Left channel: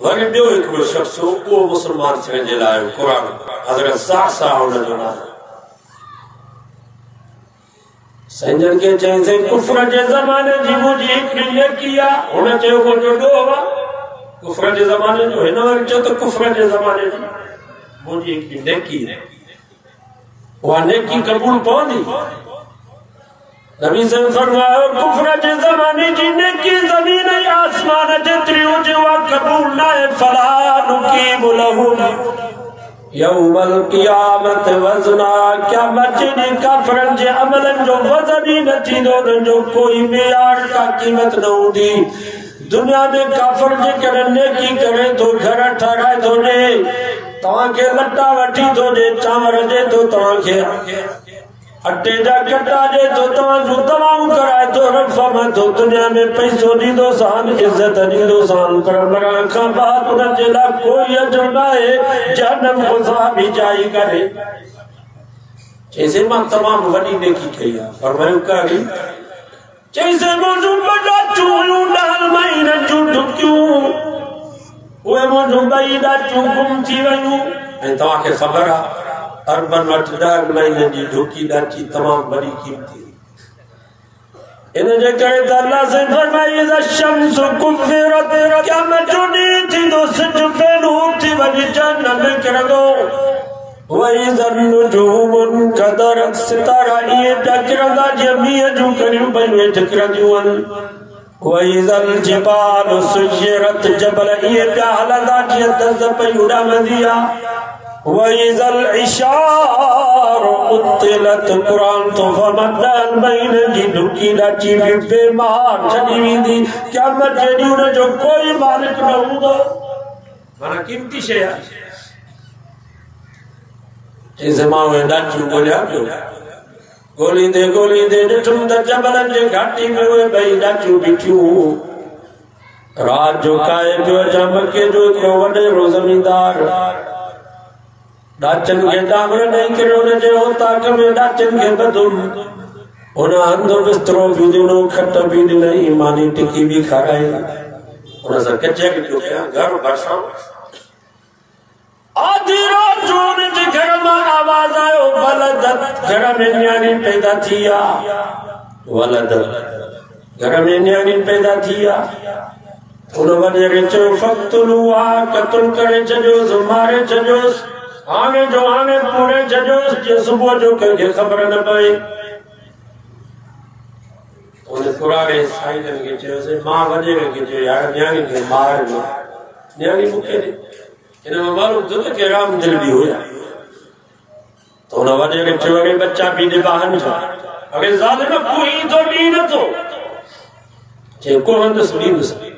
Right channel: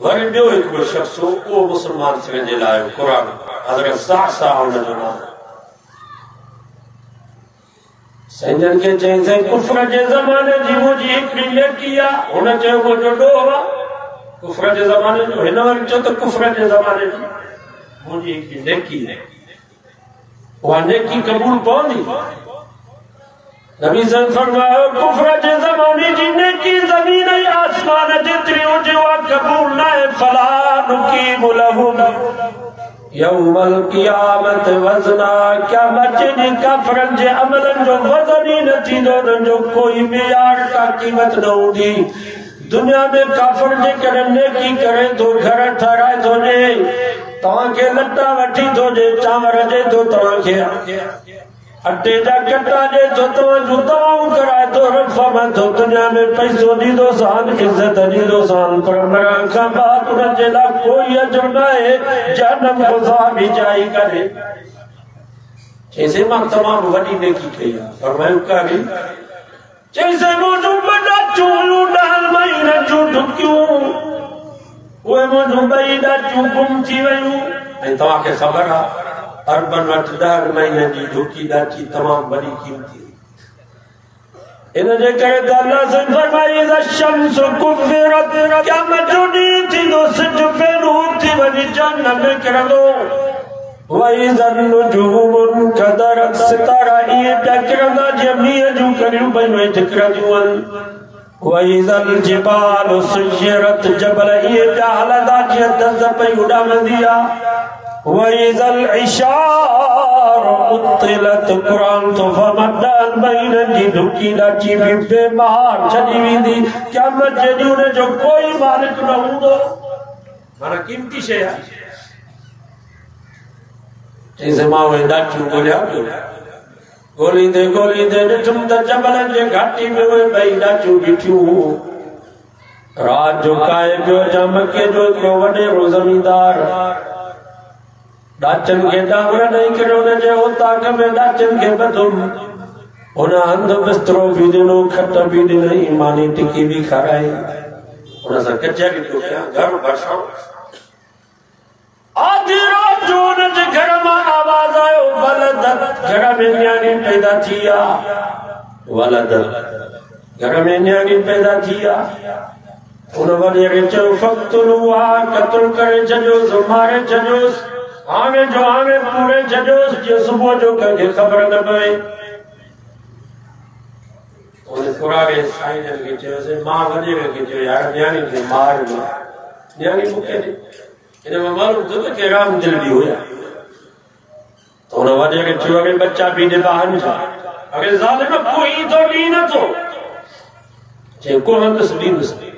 Worry ॿियो हिकिड़ो शख़्स हो, उहो मुस्लमान थियण जे लाइ क़ुरान हज़रत साहसा हुन जो नालो संजन के चईंसि कुफ्र जे ज़माने जी मुंहिंजी हिकिड़ी नेकी आहे। हुन चयो मुंहिंजो ॾोह आहे कुफ्र जे ज़माने जो। हिन वरी चयो त कुफ्र जे ज़माने जी मुंहिंजी हिकिड़ी नेकी आहे, उहा नेकी क़बूल पवंदी? नबी साहब फरमायो कुफ्र जे ज़माने जी नेकी ज़मीन ऐं आसमान जेतिरी हुजे उहा क़बूल न आहे। फला नुकीमु लहुम यौमल क़ियामत वज़ना, क़यामत जे ॾींहुं काफ़िरनि जे अमलनि जो वज़न ई न थींदो, उन्हनि जो कोई मियार का क़ीमत न हूंदी। दुनिया में काफ़िर जेकॾहिं नेकी करे थो, घर ठाराए थो ॾे, तव्हांखे लटा वठी थो ॾे, चांवर ॾे थो तव्हांखे, अटे जा कटा ॾे थो, तव्हां जूं दवाऊं कराए थो, रफ़ थो, दुनिया में पैसो ॾींदो सान, इज़त ॾींदो सान, पर मरण खां बाद उन जे लाइ कोई अजर न आहे। जहन्नम गुज़ार बि जाई करे चईंसि मां तमामु वॾी नेकी कई आहे। फरमायो कहिड़ी? चईंसि मुंहिंजूं ॿ हुयूं 9 महीननि जूं ढुकियूं, उहे मुंहिंजूं 2 ॾाचियूं गुम थी वयूं। ऐं तव्हांखे ख़बर आहे अरबनि वटि 10 महीननि जी ढुकी ॾाची तमामु वॾी क़ीमती। इन जे करे त अल्लाह से फरमाई शम्स कुफ़िरत, क़यामत जो ॾींहुं थींदो, सिज फ़ैनूर थी वञी जहन्नम में किरंदो। वइज़ल नुजूम कदरत, सितारा इहे पिया किरंदा जीअं मींहं जूं कड़ियूं पयूं हेठि किरंदियूं आहिनि। वइज़ल जिबाल सुय्यरत, जबल इहे पिया हलंदा जीअं तज़ पई उॾामंदी आहे। वइज़ल इशार उतिलत, क़ुरान तो फमदल महीननि जी ढुकी ॾाची बि बेमार छॾी वेंदी। क़यामत जे ॾींहुं हुन जो कोई मालिक न हूंदो। माना क़ीमती शइ आहे। चईंसि मां उहे ॾाचियूं ॻोल्हियां पियो, ॻोल्हींदे ॻोल्हींदे ॾिठुमि त जबलनि जे घाटी में उहे 2 ॾाचियूं बीठियूं। रात जो काए पियो चमके जो हिकिड़ो वॾेरो ज़मींदार ॾाचनि खे डांगर ॾेई करे हुन जे ओताक में ॾाचनि खे ॿधुमि। हुन हंधि बिस्तरो बि ॾिनो, खट बि ॾिनई, मानी टिकी बि खाराई। हुन सां कचहरी पियो कयां, घर भरिसां। आधी रात जो हुन जे घर मां आवाज़ आयो वलदत, घर में न्याणी पैदा थी आहे। वलदत, घर में न्याणी पैदा थी आहे। हुन वॾेरे चयो फ़क़्तुलूहा, क़त्ल करे छॾियोसि, मारे छॾियोसि, हाणे जो हाणे पूरे छॾियोसि, जे सुबुह जो कंहिंखे ख़बर न पए। हुन कुराड़े साईं खे चयोसि, मां वॾेरे खे चयो यार न्याणी खे मार न, न्याणी मूंखे ॾे। हिन में मालूम थियो त कहिड़ा दिल बि हुया। हुन वॾेरे चयो अॻे बच्चा बि ॾिबा हंजा, अॻे ज़ालिम कोई तो ॾी नथो, चए कोन हंधसि ॾींदुसि।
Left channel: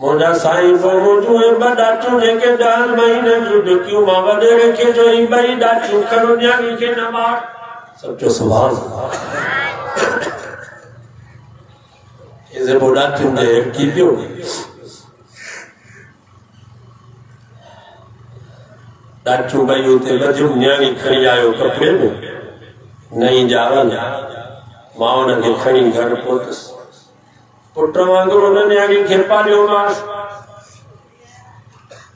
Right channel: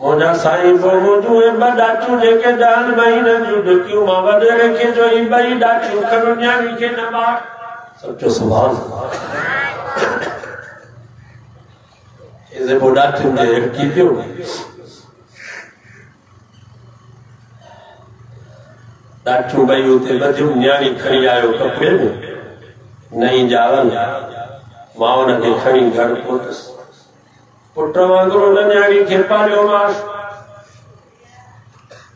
मुंहिंजा साईं पोइ मुंहिंजूं 2 ॾाचियूं जेके 10 महीननि जूं ढुकियूं, मां वॾेरे खे जो 2 ॾाचियूं खणो, न्याणी खे न मार। सचो सुभाणे पोइ ॾाचियूं ॾे हिड़की पियो। ॾाचियूं 2 उते ॿधियूं, न्याणी खणी आयो कपिड़े में, नई जावल। मां हुनखे खणी घर पहुतसि, पुट वांगुरु हुन न्याणी खे पालियोमांसि।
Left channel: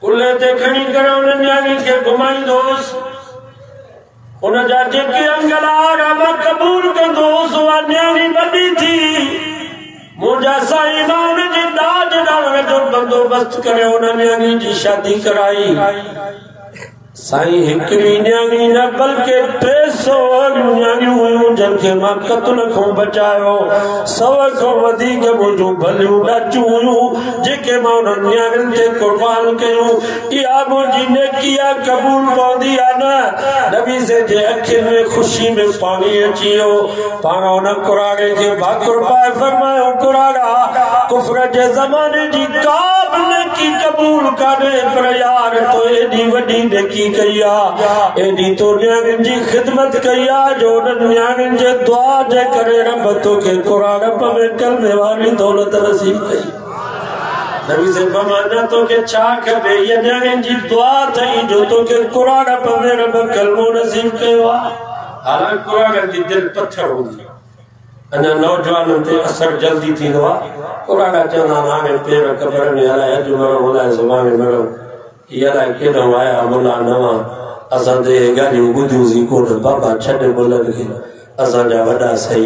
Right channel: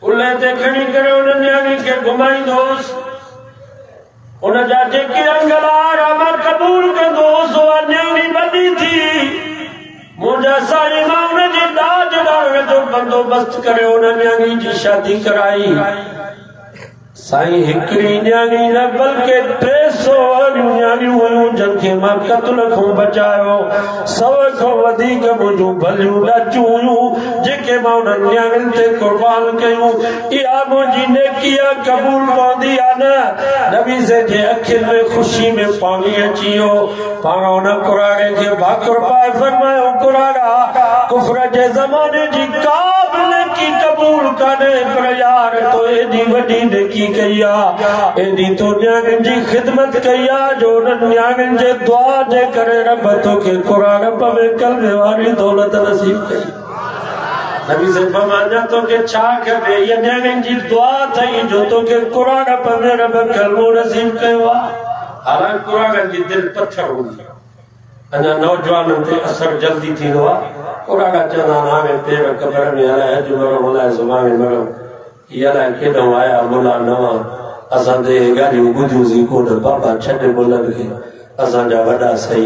कुल्हे ते खणी करे हुन न्याणी खे घुमाईंदोसि। हुन जा जेके अंगलार मां क़बूल कंदोसि, उहा न्याणी वॾी थी। मुंहिंजा साईं मां हुन जे ॾाज ॾाण जो बंदोबस्तु करे हुन न्याणी जी शादी कराई। साईं हिकिड़ी न्याणी न बल्कि 300 न्याणियूं हुयूं जंहिंखे मां क़त्ल खां बचायो। 100 खां वधीक मुंहिंजूं भलियूं ॾाचियूं हुयूं जेके मां हुन न्याणियुनि ते क़ुर्बान कयूं। इहा मुंहिंजी नेकी आहे, क़बूल पवंदी आहे न? नबी से जे अखियुनि में ख़ुशी में पाणी अची वियो। पाण हुन कुराड़े खे भाकुर पाए फरमायो, कुराड़ा कुफ्र जे ज़माने जी का बि नेकी क़बूल कान्हे, पर यार तो एॾी वॾी नेकी कई आहे, एॾी तो न्याणियुनि जी ख़िदमत कई आहे जो उन्हनि न्याणियुनि जे दुआ जे करे रब तोखे कुराड़प में कलमे वारी दौलत नसीब कई। नबी से फरमाया तोखे छा खपे? इहा न्याणियुनि जी दुआ अथई जो तोखे कुराड़प में रब कलमो नसीब कयो आहे। हालांकि कुराड़नि जी दिलि पत्थर हूंदी अञा नौजवानों ते असर जल्दी थींदो आहे पुराणा चवंदा आहिनि पेर कबर में हलाए अॼु मरो हलाए सुभाणे मरो इहा अलाए केॾो आया मुला नवां असां ते ॻाल्हियूं ॿुधियूंसीं कोन बाबा छॾ मुलनि खे असांजा वॾा सही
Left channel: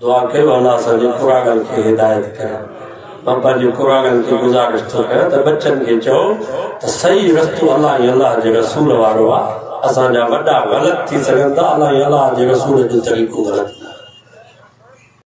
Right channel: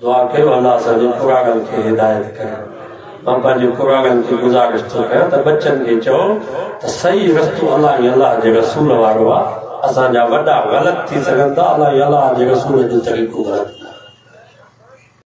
दुआ कयो अलाह असांजे पुराणनि खे हिदायत करे मां पंहिंजे पुराणनि खे गुज़ारिश थो कयां त बच्चनि खे चओ त सही रस्तो अलाह ऐं अलाह जे रसूल वारो आहे असांजा वॾा ग़लति थी सघनि था अलाह ऐं अलाह जे रसूल जो तरीक़ो ग़लति